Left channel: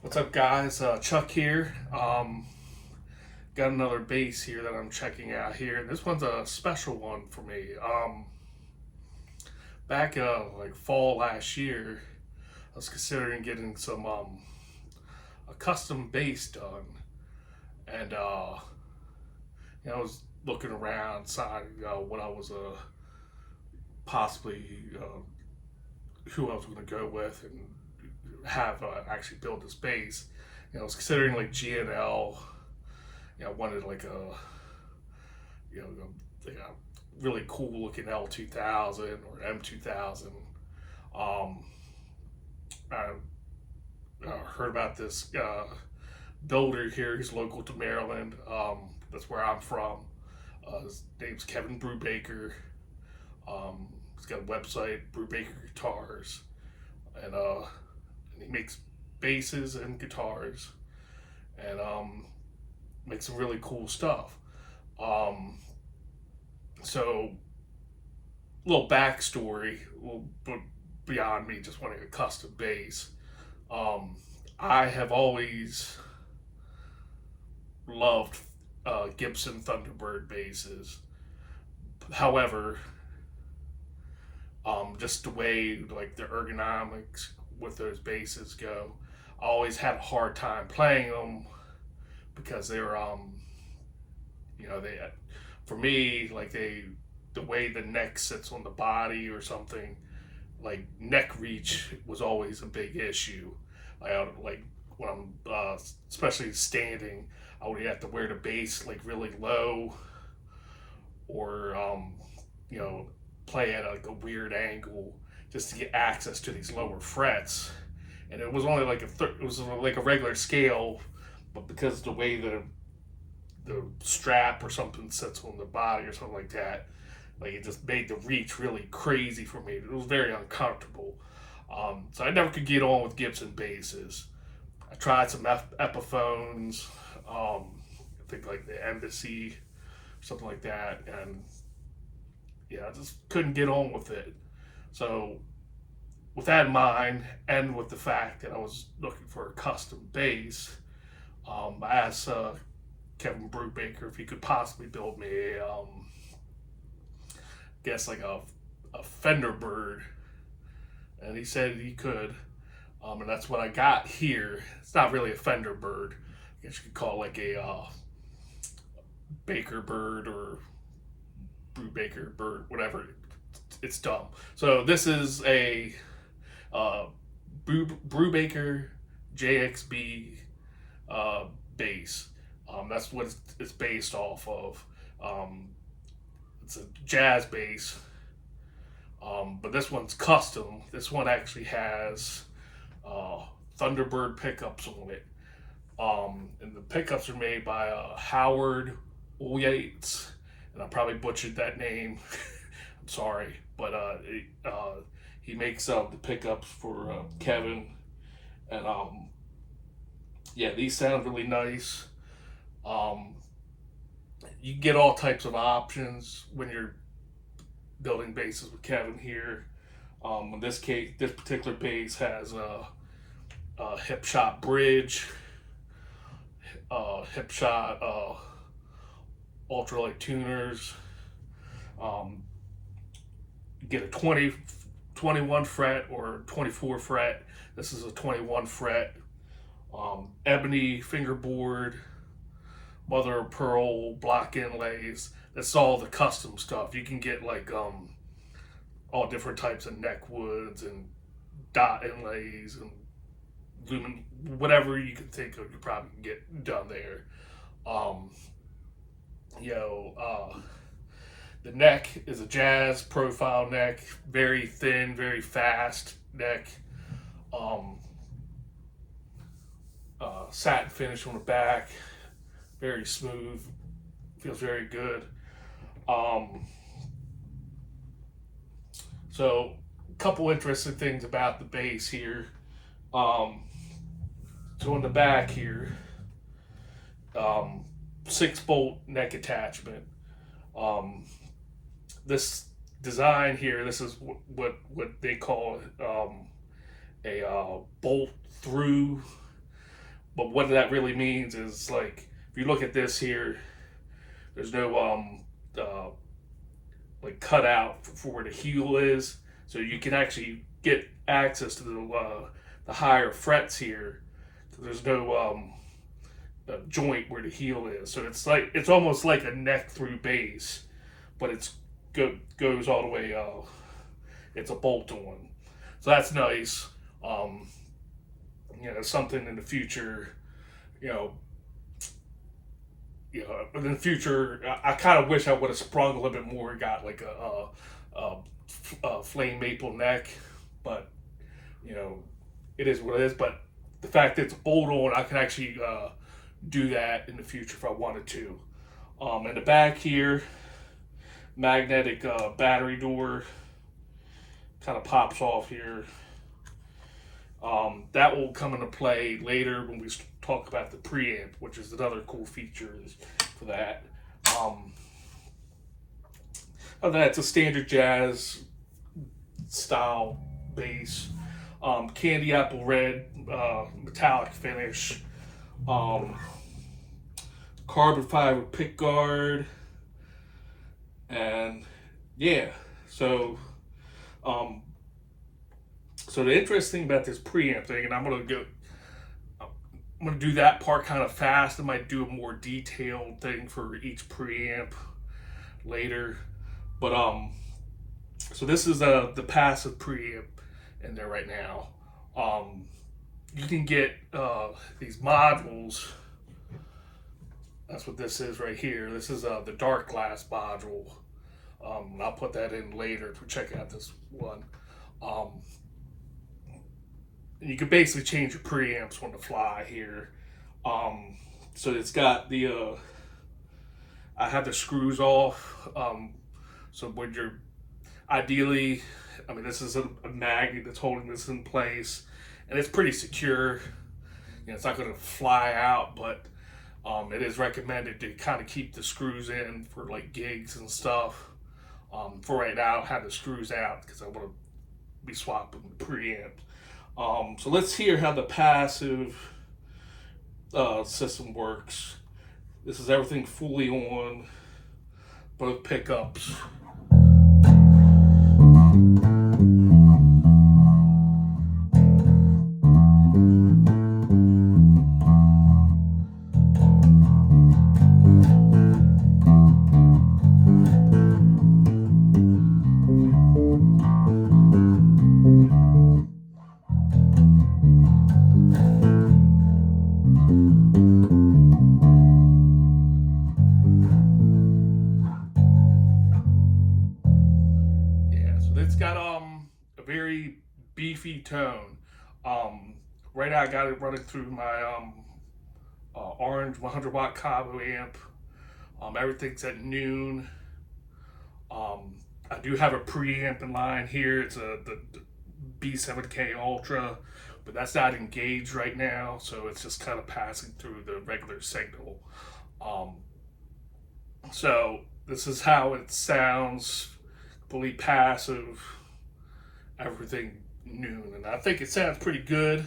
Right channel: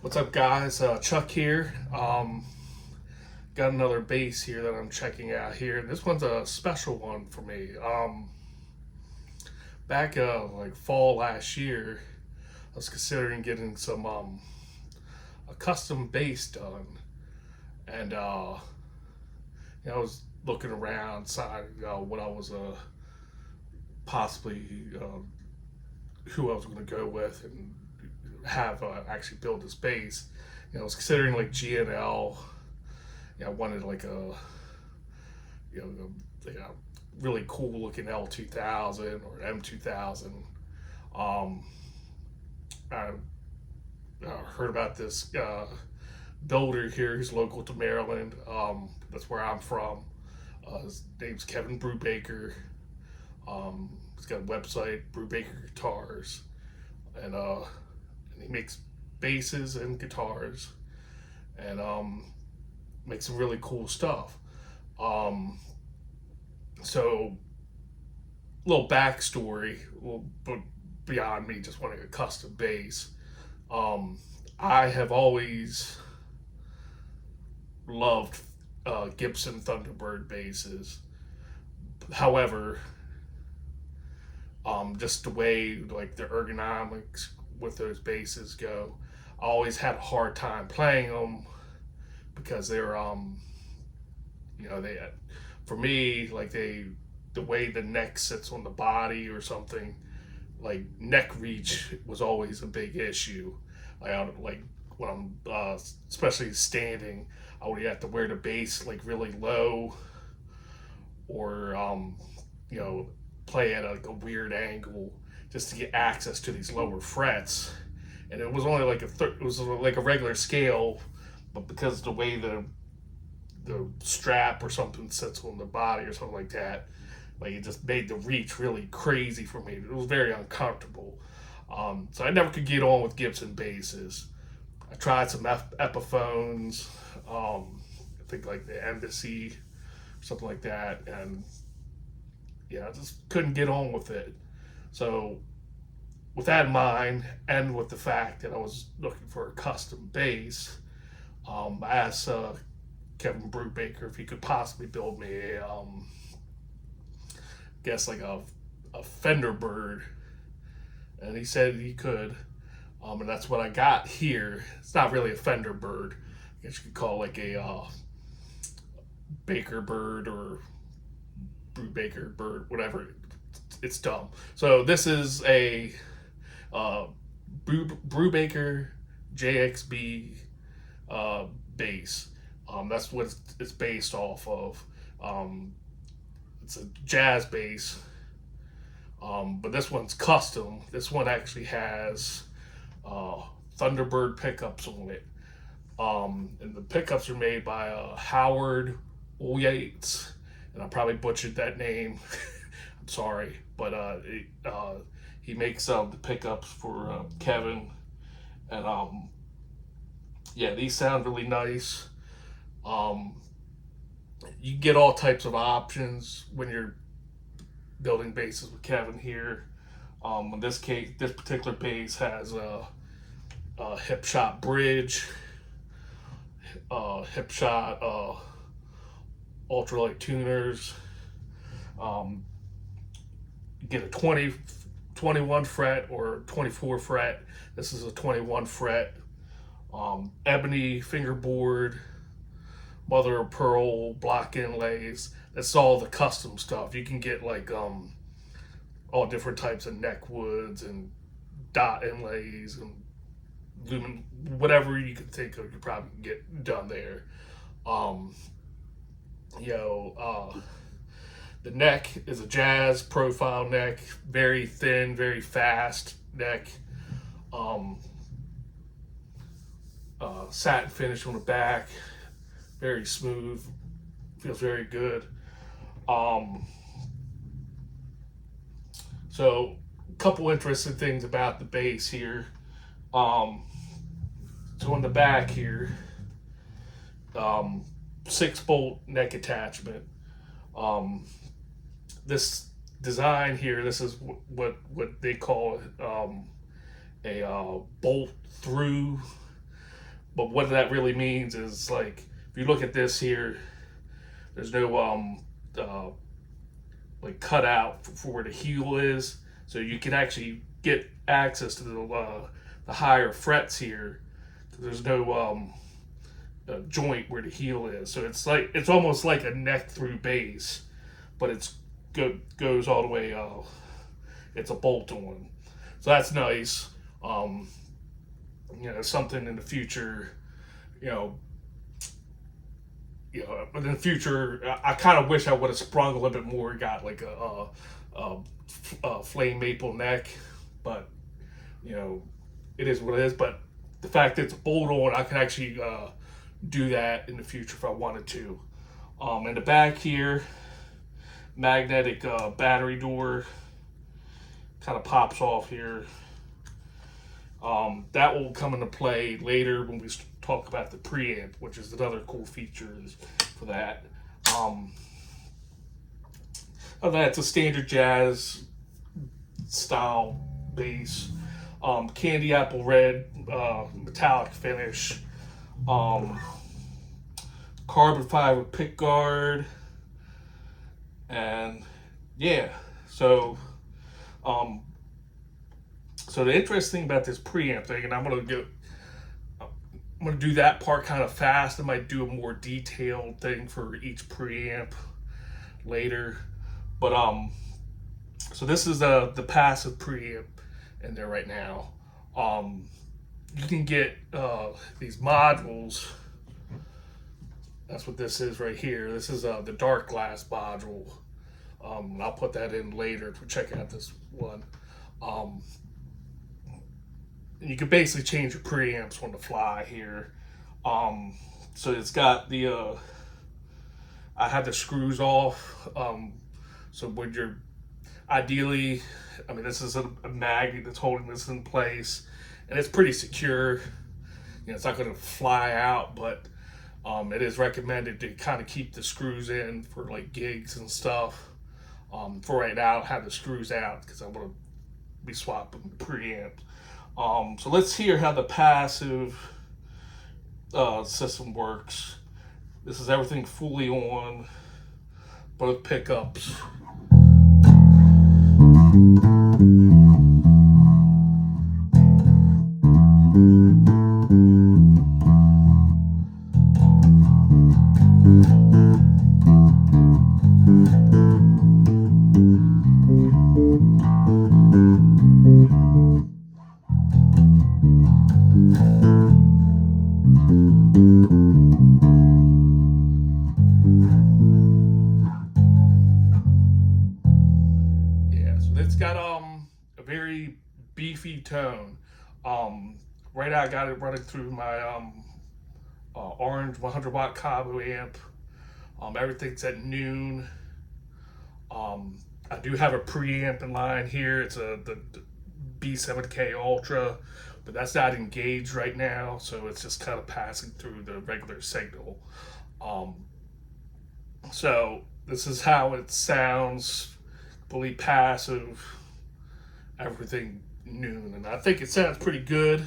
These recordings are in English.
What's up, guys? Chuck here. Got another bass here that I'm checking out here. This one's a special one for me. Back like fall last year, I was considering getting some a custom bass done, and I was looking around, deciding what I was possibly who I was going to go with and have actually build this bass. I was considering like GNL. I wanted like a really cool looking L2000 or M2000. Um, I heard about this builder here who's local to Maryland. That's where I'm from. His name's Kevin Brubaker. He's got a website, Brubaker Guitars, and he makes basses and guitars, and makes some really cool stuff. So, little backstory, but beyond me just wanting a custom bass. I have always loved Gibson Thunderbird basses. However, just the way like the ergonomics with those basses go, I always had a hard time playing them because they're they, for me, like the way the neck sits on the body or something, like neck reach was always a big issue. Like when I'm especially standing, I would have to wear the bass like really low, or play at like a weird angle just to get access to these lower frets. And it was only like it was like a regular scale, but because the way the strap or something sits on the body or something like that, like it just made the reach really crazy for me. It was very uncomfortable. So I never could get on with Gibson basses. I tried some Epiphones, I think like the Embassy, something like that, and yeah, I just couldn't get on with it. So with that in mind, and with the fact that I was looking for a custom bass, I asked Kevin Brubaker if he could possibly build me a, guess like a Thunderbird, and he said he could, and that's what I got here. It's not really a Thunderbird. I guess you could call it like a Baker Bird or Brubaker Bird, whatever. It's dumb. So this is a Brubaker JXB bass. That's what it's based off of. It's a jazz bass, but this one's custom. This one actually has Thunderbird pickups on it, and the pickups are made by Howard Ulyates, and I probably butchered that name. I'm sorry, but he makes the pickups for Kevin, and yeah, these sound really nice. You get all types of options when you're building basses with Kevin here. In this case, this particular bass has a hip shot bridge, hip shot ultralight tuners. You get a 21 fret or 24 fret. This is a 21 fret. Ebony fingerboard, mother of pearl block inlays. That's all the custom stuff. You can get like all different types of neck woods and dot inlays and lumen, whatever you can think of, you probably can get done there. The neck is a jazz profile neck, very thin, very fast neck. Satin finish on the back, very smooth, feels very good. So a couple interesting things about the bass here. So in the back here, 6-bolt neck attachment. This design here, this is what they call a bolt through But what that really means is, like, if you look at this here, there's no like cutout for where the heel is, so you can actually get access to the higher frets here. There's no joint where the heel is, so it's almost like a neck through bass, but goes all the way. It's a bolt on, so that's nice. Something in the future, but in the future, I kind of wish I would have sprung a little bit more and got like a flame maple neck, but it is what it is. But the fact that it's bolt on, I can actually do that in the future if I wanted to. In the back here, magnetic battery door kind of pops off here. That will come into play later when we talk about the preamp, which is another cool feature for that. Other than that, it's a standard jazz style bass. Candy apple red, metallic finish. Carbon fiber pick guard. And yeah, so the interesting thing about this preamp thing, and I'm gonna do that part kind of fast. I might do a more detailed thing for each preamp later. But so this is the passive preamp in there right now. You can get these modules. That's what this is right here. This is the Darkglass module. I'll put that in later to check out this one. You can basically change your preamps on the fly here. So it's got the I have the screws off. So when you're ideally, this is a magnet that's holding this in place, and it's pretty secure. It's not going to fly out, but it is recommended to kind of keep the screws in for like gigs and stuff. For right now, I have the screws out because I want to be swapping the preamps. So let's hear how the passive system works. This is everything fully on, both pickups. Got a very beefy tone. Right now I got it running through my orange 100 watt Cabo amp. Everything's at noon. I do have a preamp in line here. It's the B7K Ultra, but that's not engaged right now, so it's just kind of passing through the regular signal. So this is how it sounds. Fully passive, everything noon, and I think it sounds pretty good.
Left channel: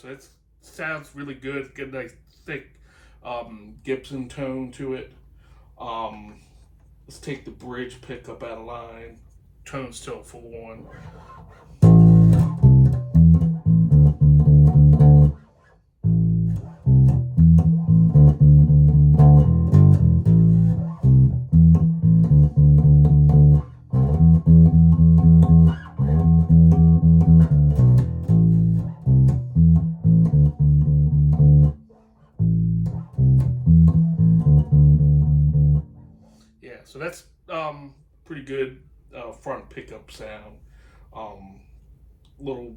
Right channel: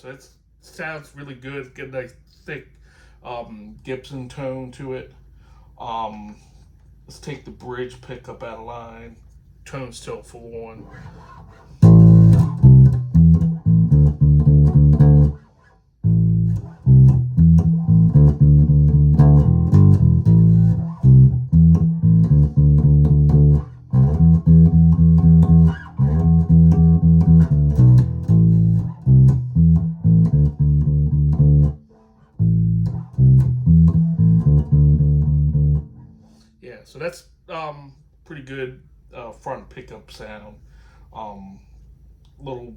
So it sounds really good. Get a nice thick Gibson tone to it. Let's take the bridge pickup out of line. Tone still full on. So that's pretty good front pickup sound. Little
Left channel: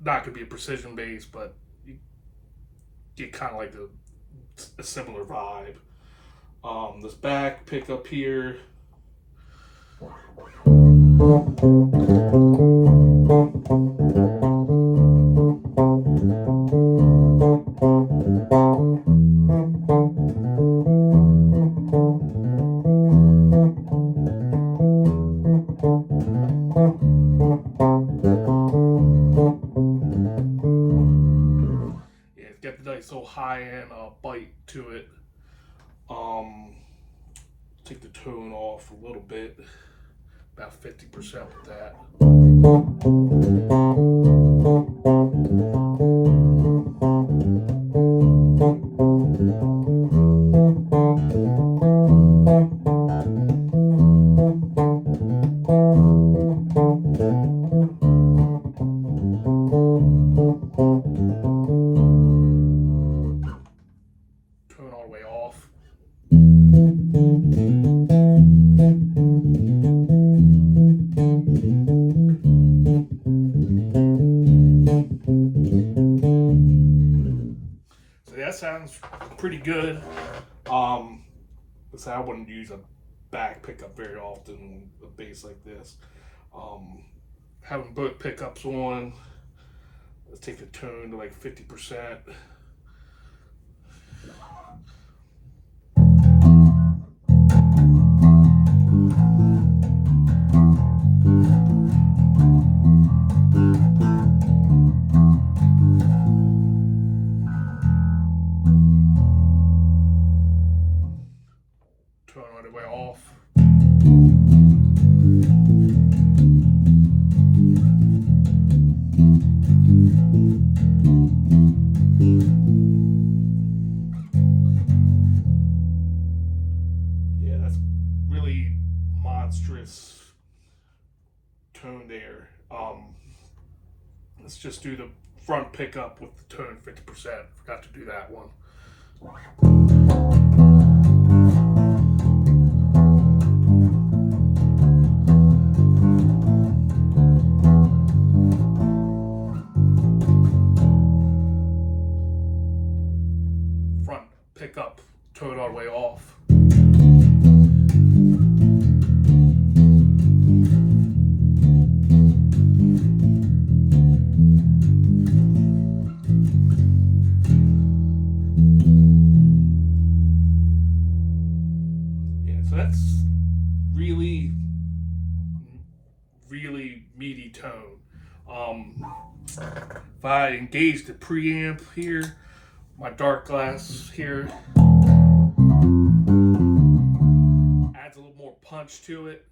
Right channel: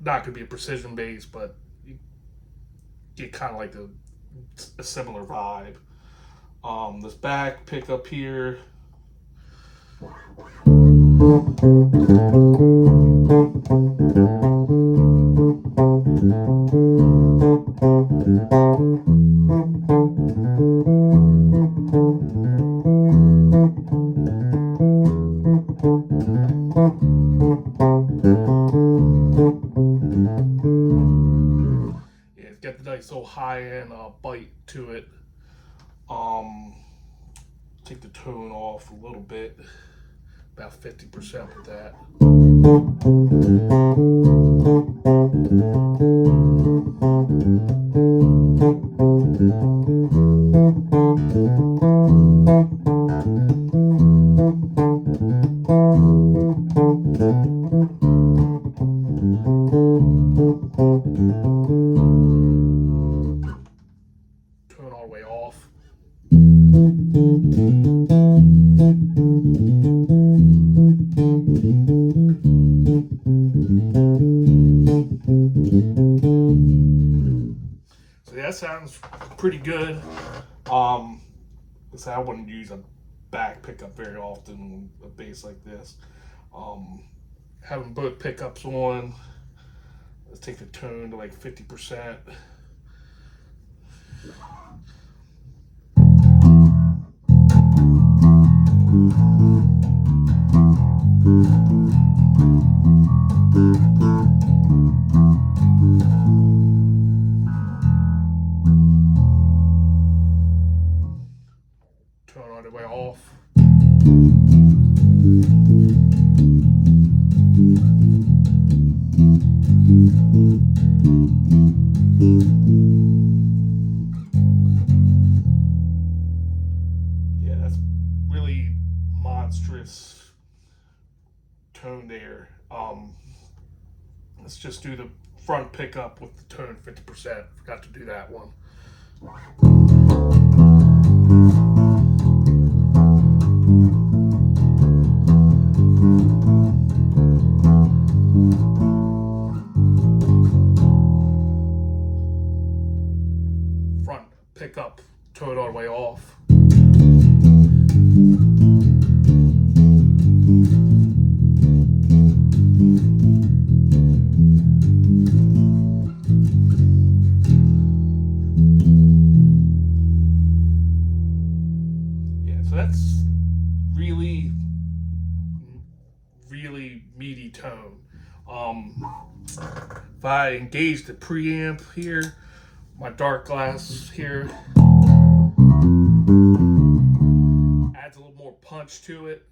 not gonna be a precision bass, but you get kind of like a similar vibe. This back pickup here. Yeah, it's got the nice little high-end bite to it. Take the tone off a little bit, about 50% with that. Turn all the way off. So that sounds pretty good. So I wouldn't use a back pickup very often on a bass like this. Having both pickups on, let's take the tone to like 50%. Turn all the way off. Yeah, that's really monstrous tone there. Let's just do the front pickup with the tone 50%. Forgot to do that one. Front pickup, tone all the way off. So that's really meaty tone. If I engage the preamp here, my Darkglass here adds a little more punch to it.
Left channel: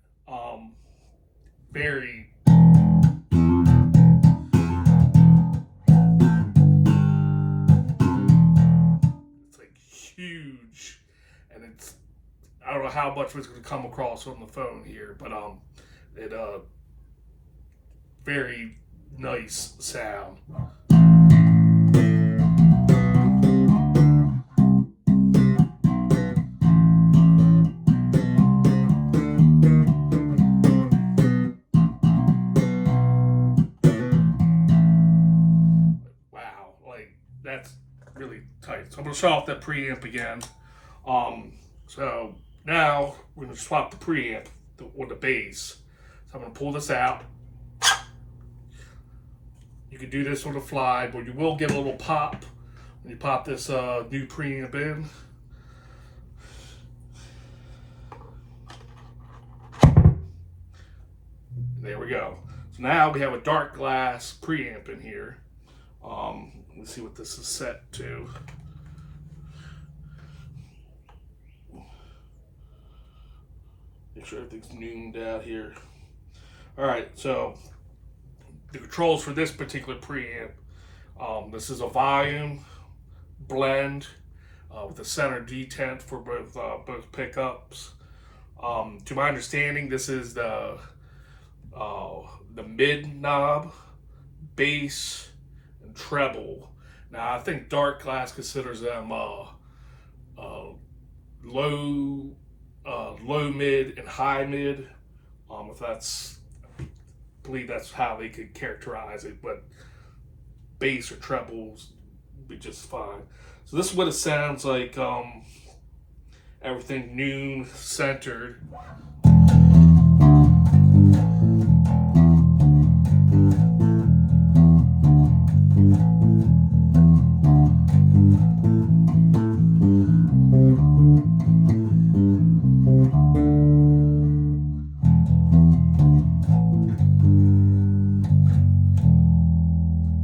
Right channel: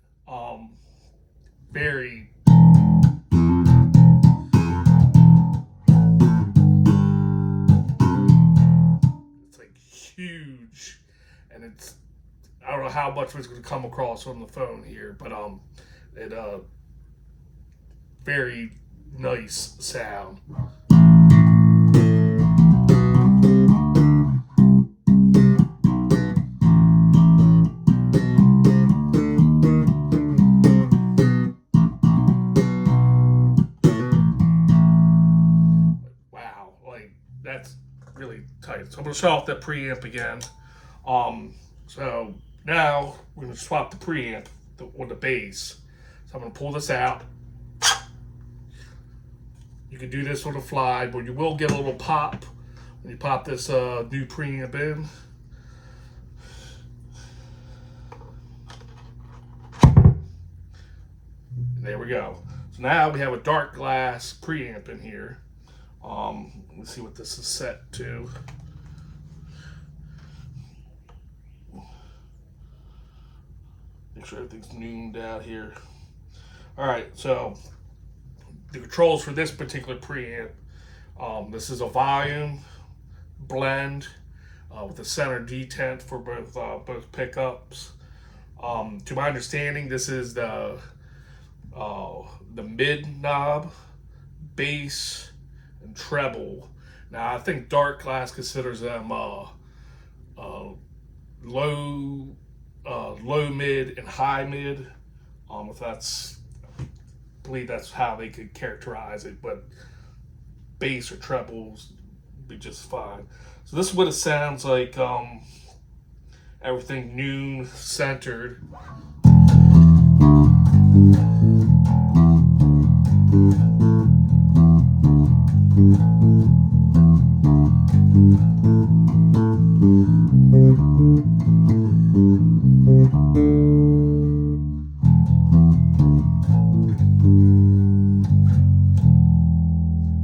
Very it's like huge, and it's I don't know how much it's going to come across on the phone here, but it very nice sound. Wow, like that's really tight. So I'm going to shut off that preamp again. So now we're going to swap the preamp on the bass. So I'm going to pull this out. You can do this on the fly, but you will get a little pop when you pop this new preamp in. There we go. So now we have a Darkglass preamp in here. Let's see what this is set to. Make sure everything's nooned out here. All right, so the controls for this particular preamp. This is a volume blend with a center detent for both pickups. To my understanding, this is the mid knob, bass, and treble. Now I think Darkglass considers them low, mid, and high mid. If that's, I believe that's how they could characterize it, but bass or trebles would be just fine. So this is what it sounds like everything noon centered.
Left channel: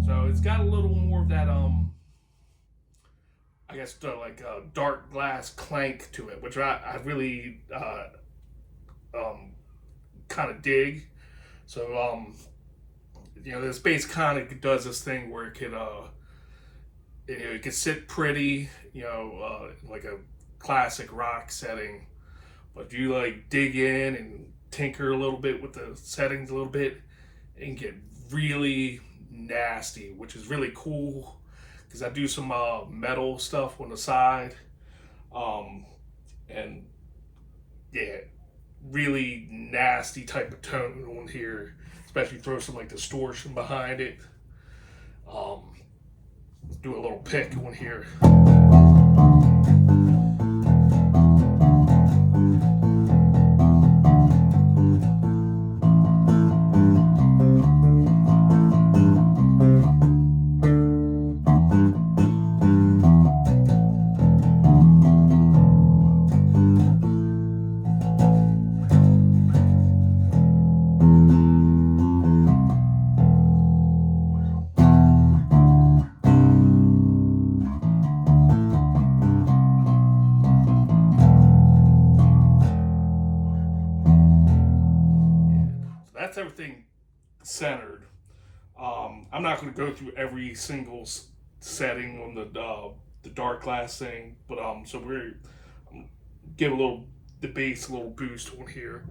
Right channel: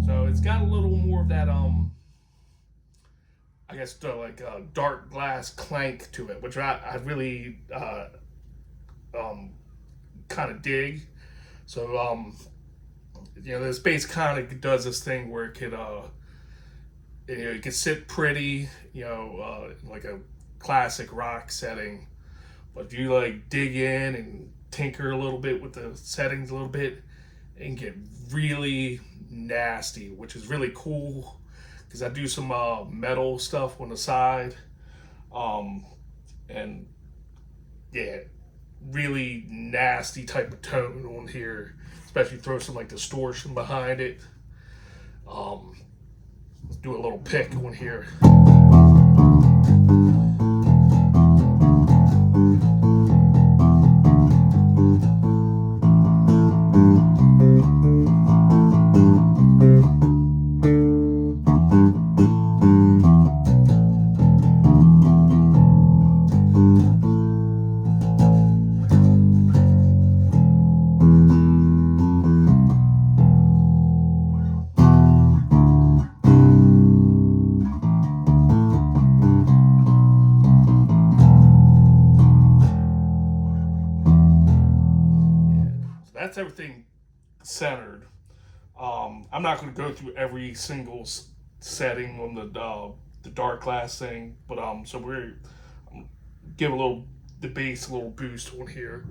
So it's got a little more of that I guess like a Darkglass clank to it, which I really kind of dig. So you know, this bass kind of does this thing where it could it could sit pretty, you know, like a classic rock setting, but if you like dig in and tinker a little bit with the settings a little bit, it can get really nasty, which is really cool because I do some metal stuff on the side, and yeah, really nasty type of tone on here, especially throw some like distortion behind it. Let's do a little pick on here. That's everything centered. I'm not going to go through every single setting on the Darkglass thing, but so we're give the bass a little boost on here.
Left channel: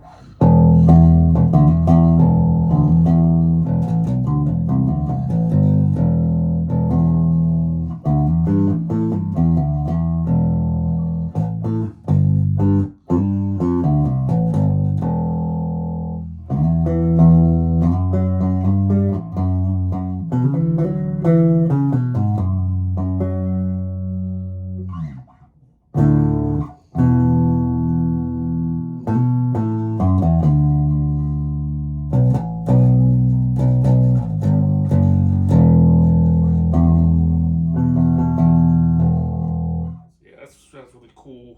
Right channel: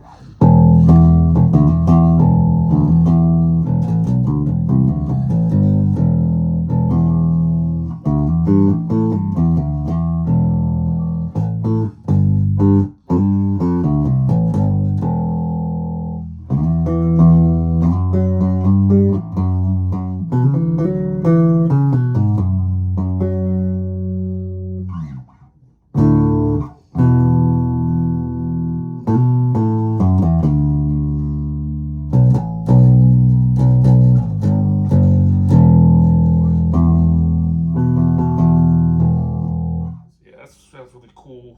That's really cool.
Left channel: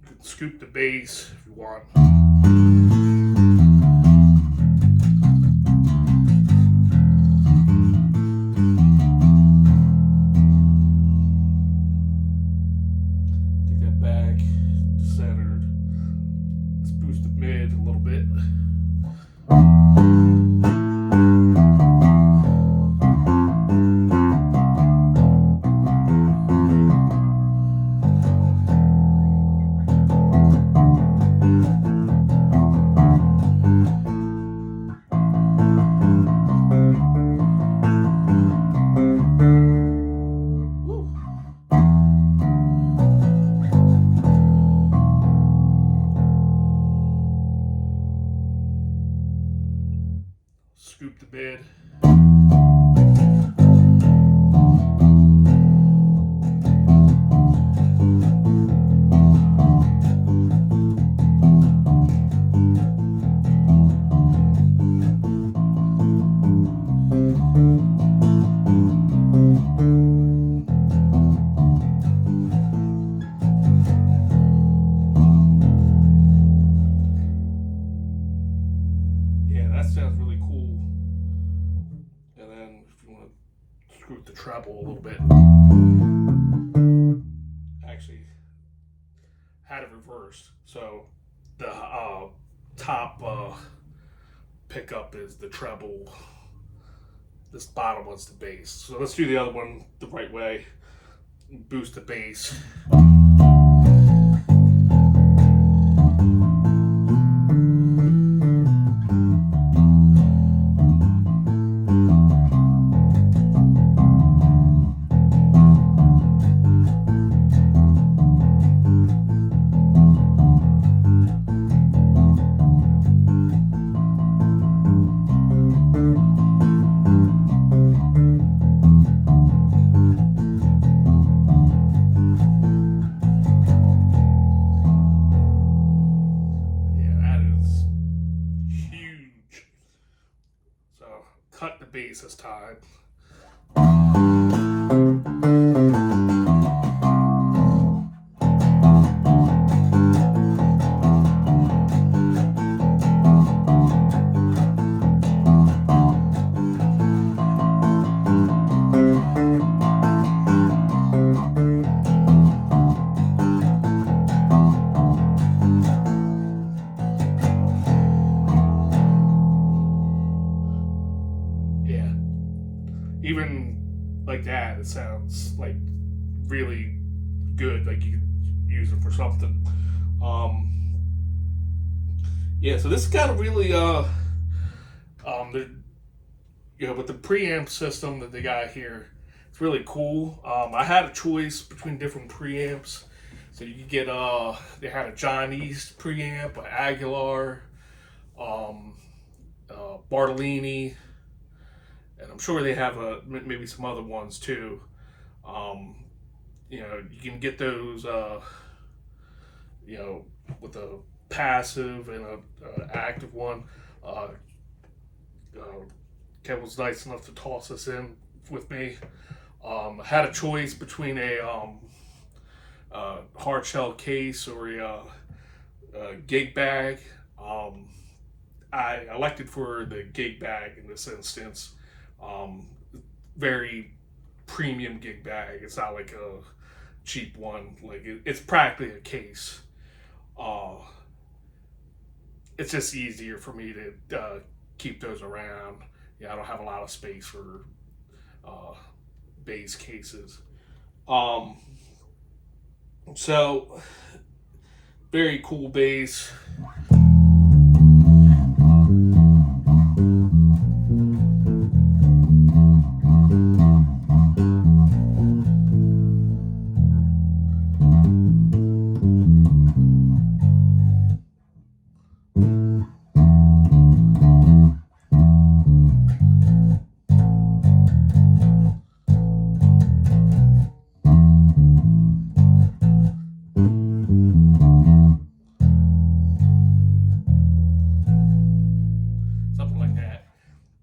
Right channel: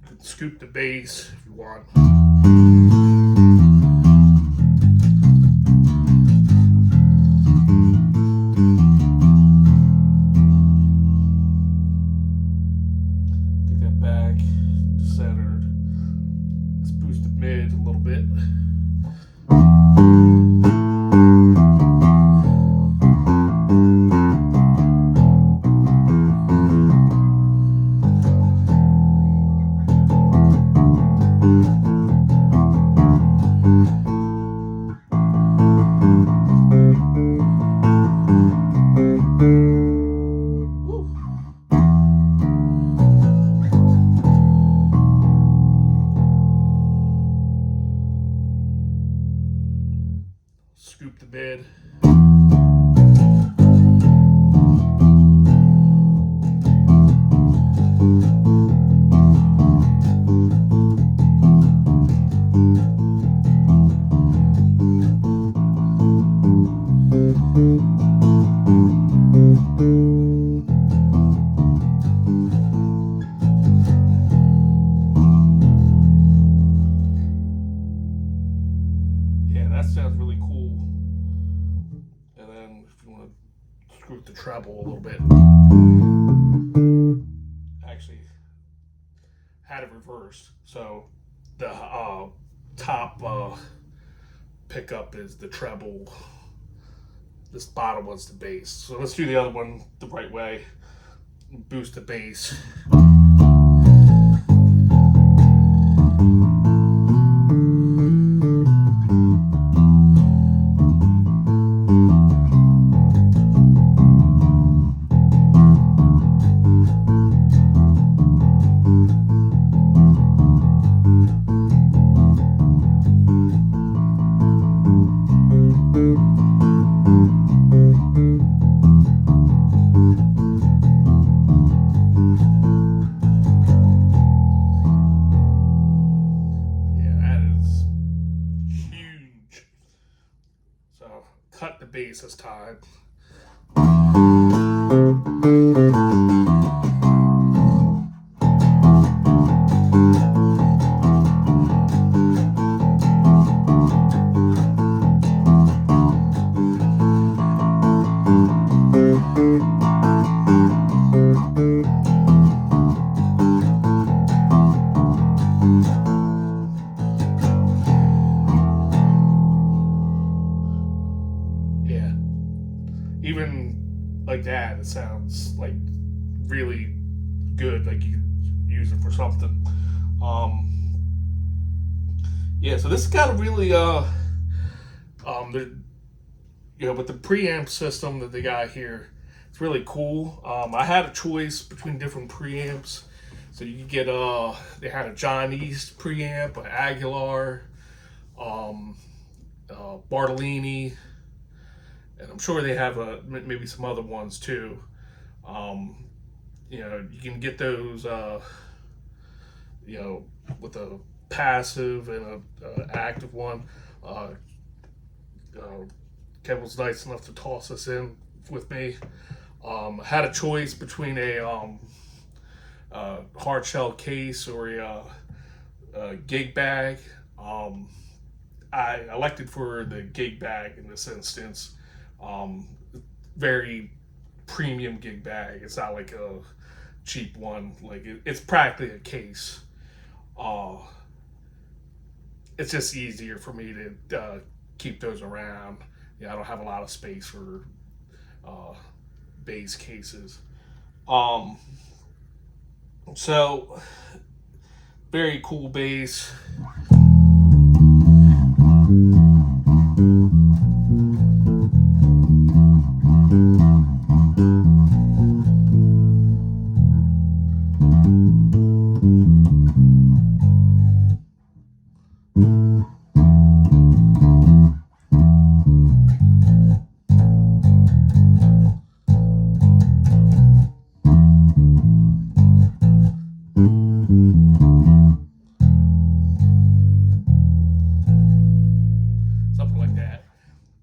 You can scoop the bass if you want. Take that back, centered. Let's boost the mid a little bit. Scoop the bed. Yeah, that sounds really cool. And then if you want to screw with the treble a little bit, actually had it reversed. So the top pickup is the treble. This bottom one's the bass. So let's do the other one the right way. Boost the bass. bass this time. Even like that, it sounds like really good. Like you could use it for something. Yeah, so this got a really with the preamp system that they got here, it's really cool. I had a choice between different preamps, so you could get they had a John East preamp, an Aguilar, Bartolini, and I'm sure they have maybe some other ones too. You can get those, with a passive and a active one. Kevin was nice enough to toss this in with me. I had a choice between a hard shell case or a gig bag. I elected for the gig bag in this instance. Very premium gig bag. It's not like a cheap one. Like it's practically a case. It's just easier for me to keep those around. I don't have a lot of space for bass cases. So very cool bass.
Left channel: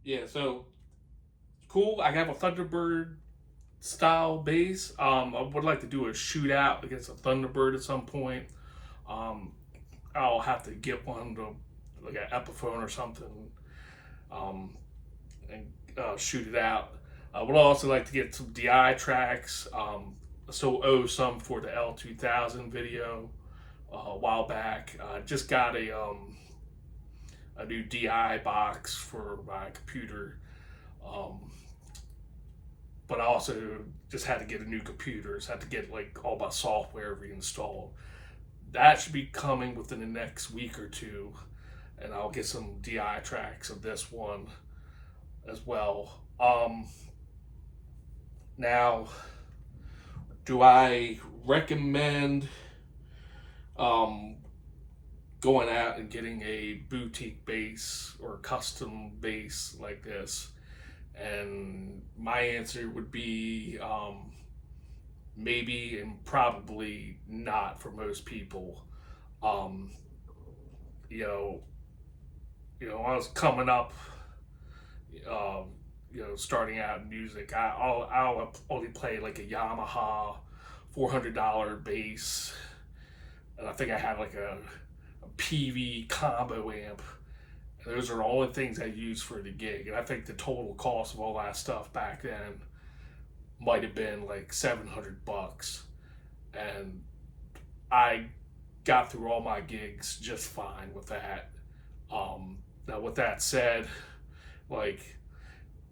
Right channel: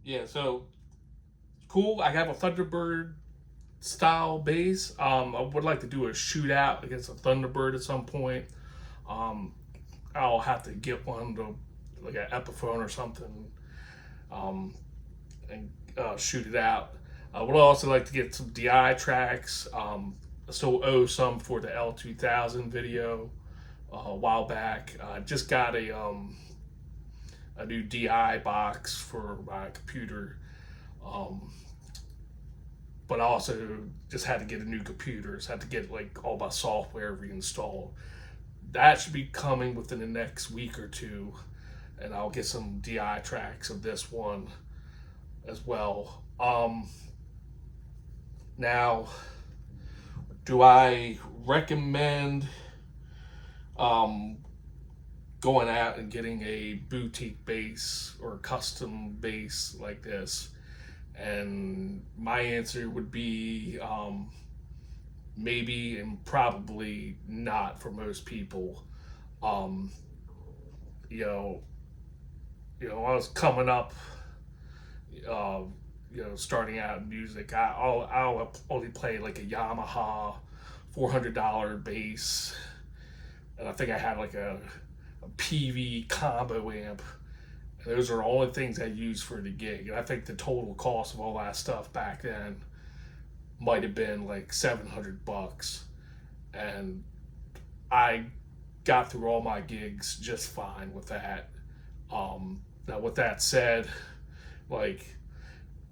Yeah, so cool. I have a Thunderbird style bass. I would like to do a shootout against a Thunderbird at some point. I'll have to get one to like an Epiphone or something, and shoot it out. I would also like to get some DI tracks. So owe some for the L2000 video a while back. Just got a new DI box for my computer, but I also just had to get a new computer. So I had to get like all my software reinstalled. That should be coming within the next week or two, and I'll get some DI tracks of this one as well. Now, do I recommend going out and getting a boutique bass or custom bass like this? And my answer would be maybe and probably not for most people. When I was coming up, starting out in music, I'll only play like a Yamaha $400 bass, and I think I had like a PV combo amp. Those are the only things I used for the gig, and I think the total cost of all that stuff back then might have been like $700, and I got through all my gigs just fine with that. Now, with that said, like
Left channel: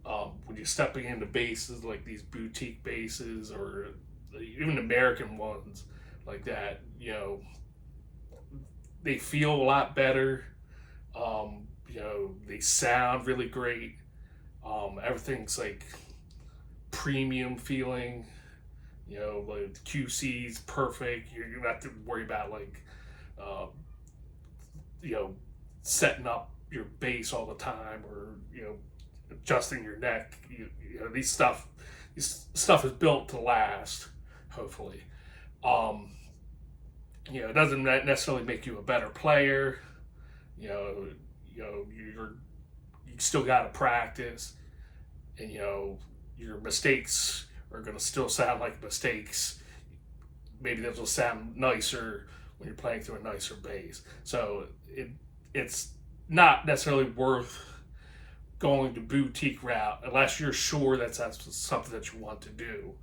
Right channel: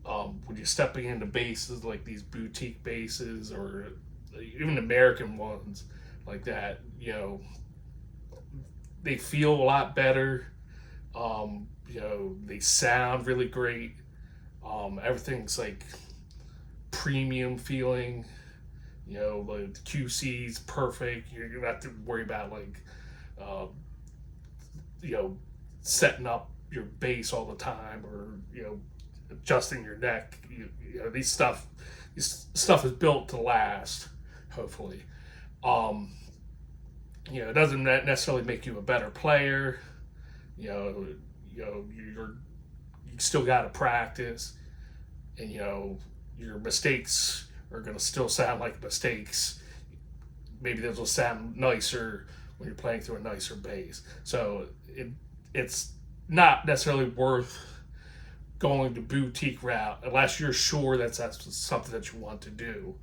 when you're stepping into basses like these boutique basses or even American ones like that, they feel a lot better. They sound really great. Everything's like premium feeling. The QC's perfect. You don't have to worry about like, setting up your bass all the time or adjusting your neck. This stuff is built to last. Hopefully, it doesn't necessarily make you a better player. You still got to practice. and your mistakes are going to still sound like mistakes. Maybe those will sound nicer when you're playing through a nicer bass. So it's not necessarily worth going the boutique route unless you're sure that's something that you want to do.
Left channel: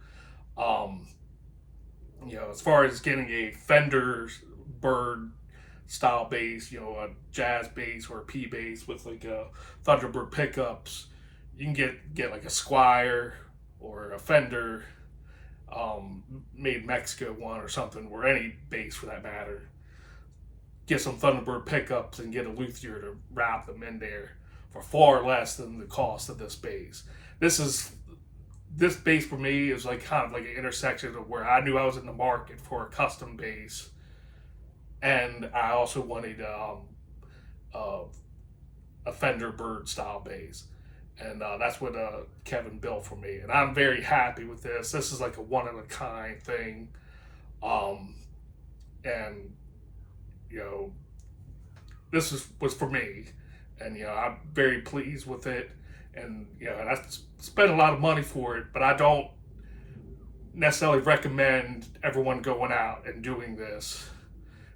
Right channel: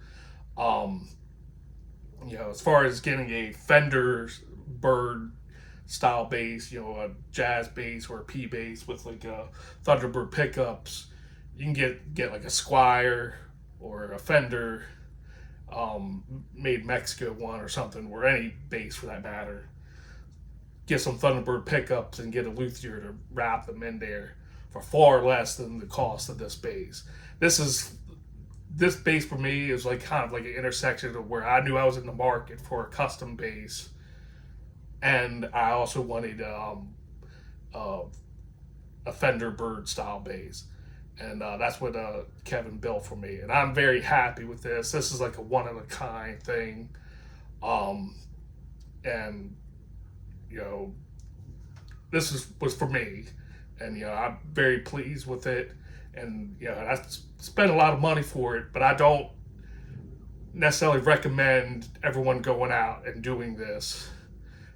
As far as getting a Thunderbird style bass, a jazz bass or a P bass with like a Thunderbird pickups, you can get like a Squire or a Fender made in Mexico one or something, or any bass for that matter. Get some Thunderbird pickups and get a luthier to wrap them in there for far less than the cost of this bass. This bass for me is like kind of like an intersection of where I knew I was in the market for a custom bass, and I also wanted a Thunderbird style bass, and that's what Kevin built for me, and I'm very happy with this. This is like a one of a kind thing, and this was for me, and I'm very pleased with it, and and I spent a lot of money for it, but I don't necessarily recommend everyone going out and doing this,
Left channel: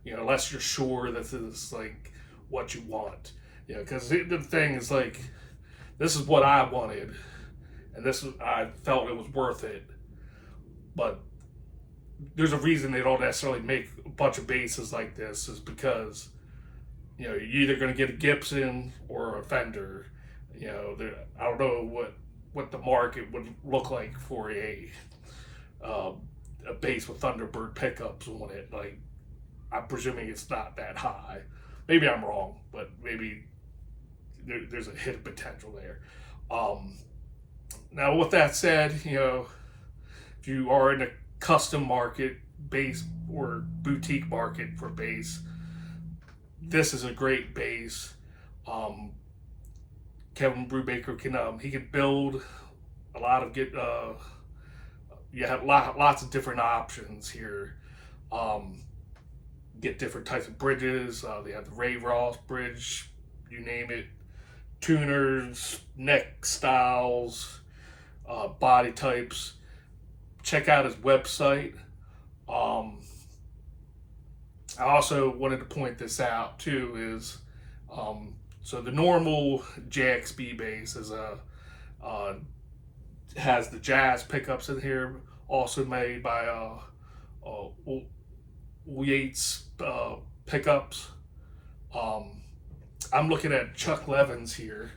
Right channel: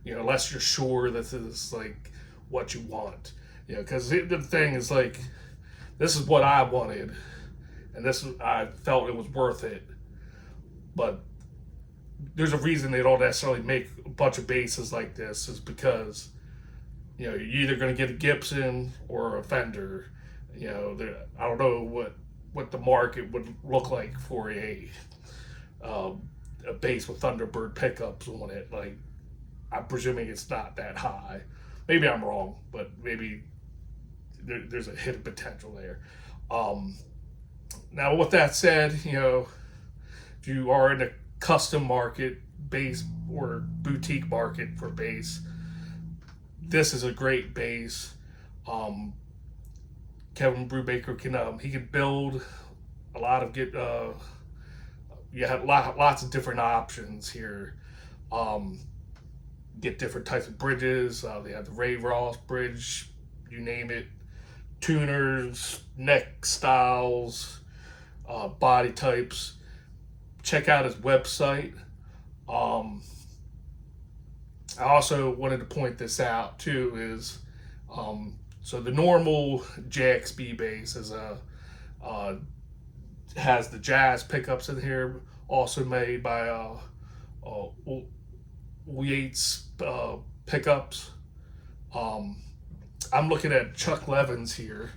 unless you're sure that this is like what you want, because the thing is like, this is what I wanted, and I felt it was worth it, but there's a reason they don't necessarily make a bunch of basses like this, is because you're either going to get a Gibson or a Fender. I don't know what the market would look like for a bass with Thunderbird pickups on it. Like, I'm presuming it's not that high. Maybe I'm wrong, but maybe there's a hidden potential there. Now, with that said, if you are in a custom market, bass or boutique market for bass, this is a great bass. Kevin Brubaker can build a lot of you have lots of different options here. Get different types of bridges. They have the Ray Ross bridge, you name it, tuners, neck styles, body types. Check out his website. I also wanted to point this out too, is so the normal JXB bass is has the jazz pickups in here, also made by Ulyates pickups. I'm looking at Chuck Levin's here.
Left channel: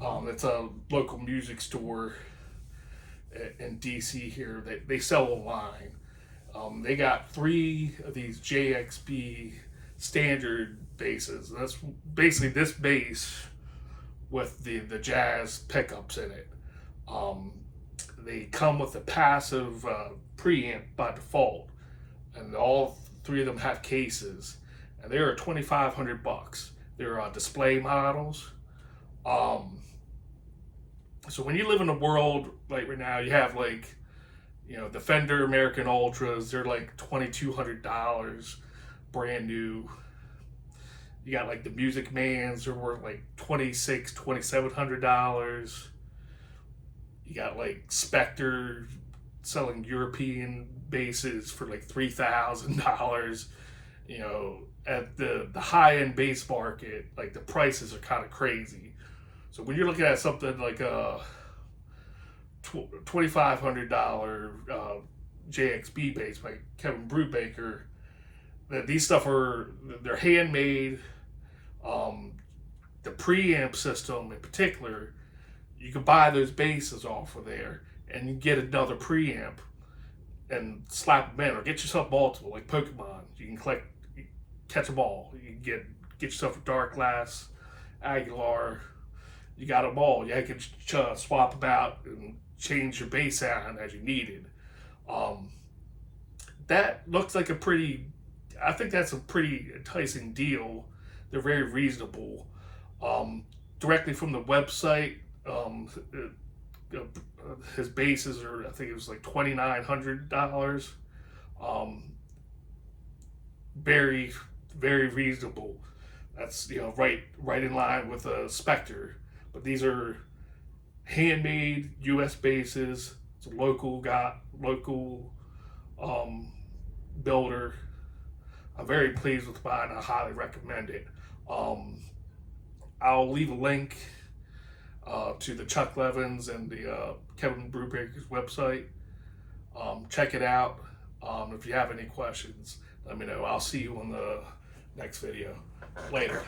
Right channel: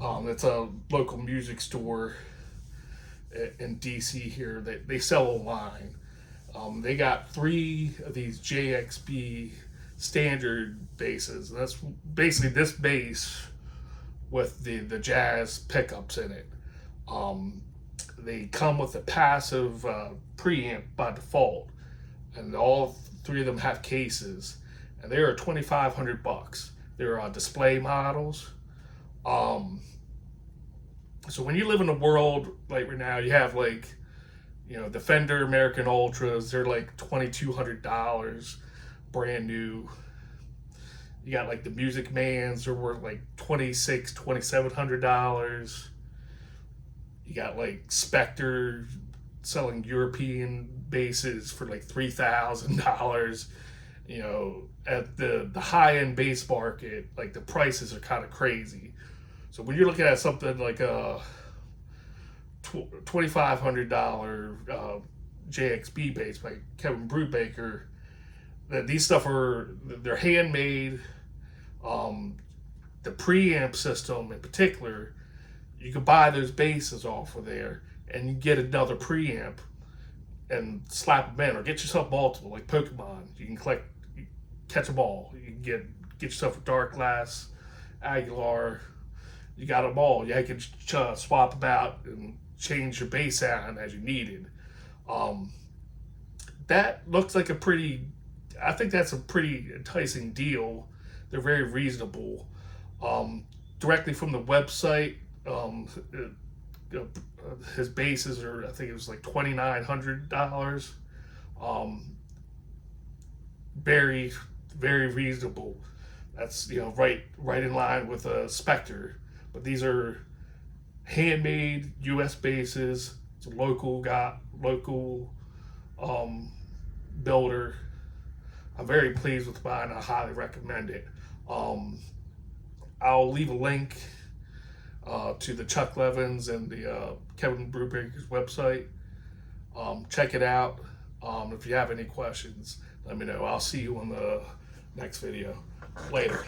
It's a local music store in DC here that they sell online. They got 3 of these JXB standard basses. That's basically this bass with the jazz pickups in it. They come with a passive preamp by default, and all 3 of them have cases, and they are $2,500. They're display models. So when you live in a world like right now, you have like, the Fender American Ultras, they're like $2,200 brand new. You got like the Music Mans, they're worth like $2,600, $2,700. You got like Spectre selling European basses for like $3,000. At the high-end bass market, like the prices are kind of crazy. So when you're looking at something like a $2,500 JXB bass by Kevin Brubaker, that these stuff they're handmade. The preamp system in particular, you can buy those basses off of there and you get another preamp and slap them in, or get yourself multiple like Pokemon. You can catch them all. You can get yourself a Darkglass, Aguilar. You got them all. You can swap them out and change your bass sound as you needed. That looks like I think that's a pretty enticing deal. They're very reasonable. Directly from the website, his basses are, I think it was like $2,900. Very, very reasonable. That's right in line with a Spectre. But these are handmade U.S. bases. It's a local builder. I'm very pleased with mine. I highly recommend it. I'll leave a link to the Chuck Levins and the Kevin Brubaker's website. Check it out. If you have any questions, let me know. I'll see you on the next video. Later.